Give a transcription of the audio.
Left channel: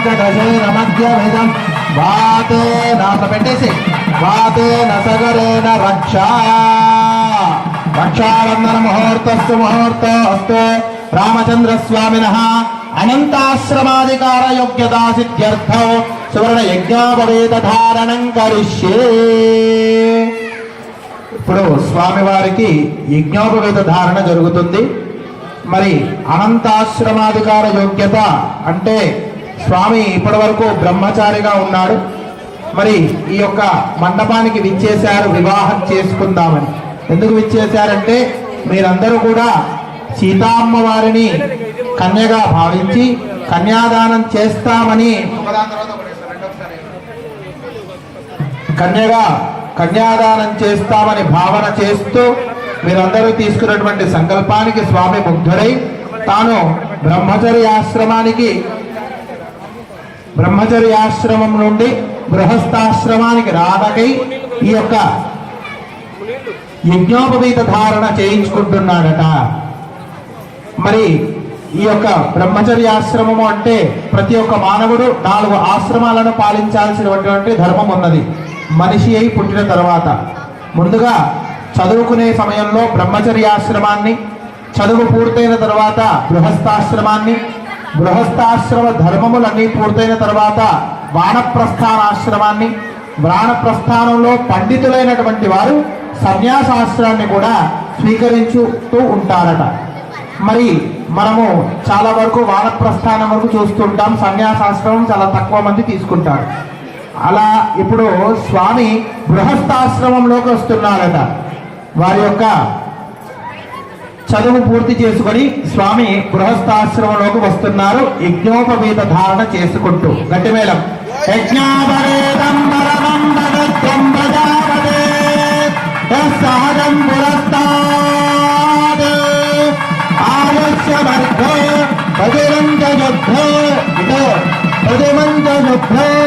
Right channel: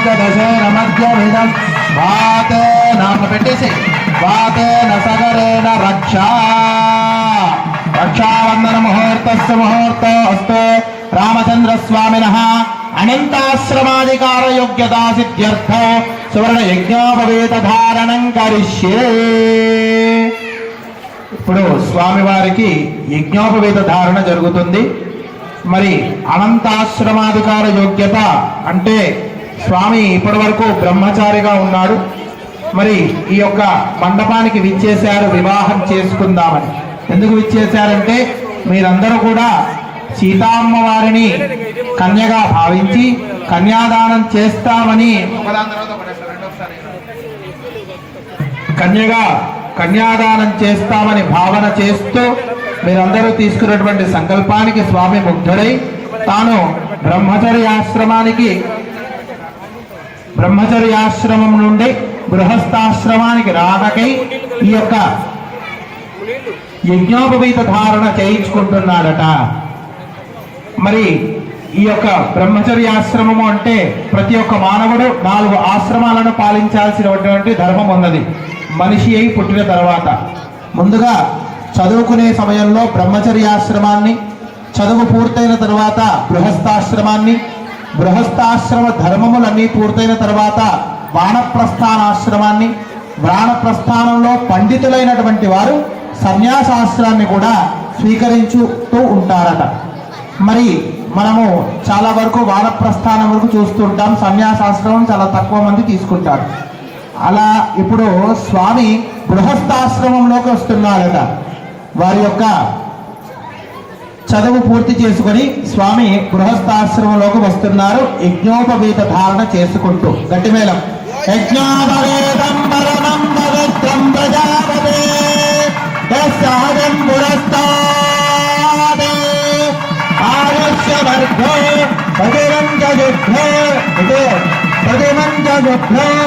పంచదశేన మధ్యమిదం వాతేన పెట్టేసి వాతేన సగరేణ రక్షా రక్షాబంధన ముహూర్తస్సు ముహూర్తోస్తు రామచంద్ర స్వామినః అనంతాశ్రమాధికార యోగ్యతా సిద్ధ్యర్థం సువర్ణ యజ్ఞోపవేత ధారణం కరిష్యే. ఇప్పుడు స్వామివారికి యజ్ఞోపవేత ధారణ జరుగుతుంది. మరి అనంతాశ్రమాధికార యోగ్యత అంటే స్వామి ఇప్పటి వరకు బ్రహ్మచారిగా ఉన్నాడు. మరి ఈ యొక్క మండపానికి విచ్చేశారు వివాహం చేసుకుందామని. ఎందుకు విచ్చేశారంటే మీరందరూ కూడా సీతామ్మ వారిని కన్యగా భావించి కన్యాదానం చేస్తామని కన్యాదానం చేస్తామని భావన చేస్తూ మీరందరూ తీసుకున్నటువంటి సంకల్పానికి స్వామి ముగ్ధుడై తాను బ్రహ్మచర్యాశ్రమం నుండి గృహస్థాశ్రమానికి రాకై ఈ యొక్క యజ్ఞోపవీత ధారణ చేయించుకుంటున్నాడట. మరి ఈ యొక్క బ్రహ్మచర్యాశ్రమము అంటే ప్రతి ఒక్క మానవుడు 4 ఆశ్రమాలను పాలించాల్సినటువంటి ధర్మం ఉన్నది. మనిషి అయి పుట్టిన తర్వాత ముందుగా చదువుకునే సమయంలో బ్రహ్మచర్యాశ్రమాన్ని, చదువు పూర్తయిన తర్వాత గృహస్థాశ్రమాన్ని, గృహస్థాశ్రమ ధర్మములన్నీ పూర్తయిన తర్వాత వానప్రస్థానాశ్రమాన్ని, వానప్రస్థానంలో పండితులైనటువంటి వారు సన్యాసాశ్రమాన్ని కూడా స్వీకరించుతూ ఉంటారట. మరి మనము చాలా వరకు వానప్రస్థానం వరకు చూస్తుంటాం, సన్యాసాశ్రమం చాలా తక్కువ మంది తీసుకుంటారు. అలా ఇప్పుడు స్వామి గృహస్థాశ్రమంలోకి వస్తున్నారట. వారి యొక్క చదువు పూర్తి చేసుకొని స్వామి గృహస్థాశ్రమంలోకి వస్తున్నారు యజ్ఞోపవీత ధారణ చేసుకుంటూ. గట్టి మేళం. యజ్ఞోపవేతం పరమందవిత్తం ప్రజాపతే సహజం పురస్తాద్ ఆయుష్యవర్ధో పదివంత యుద్ధో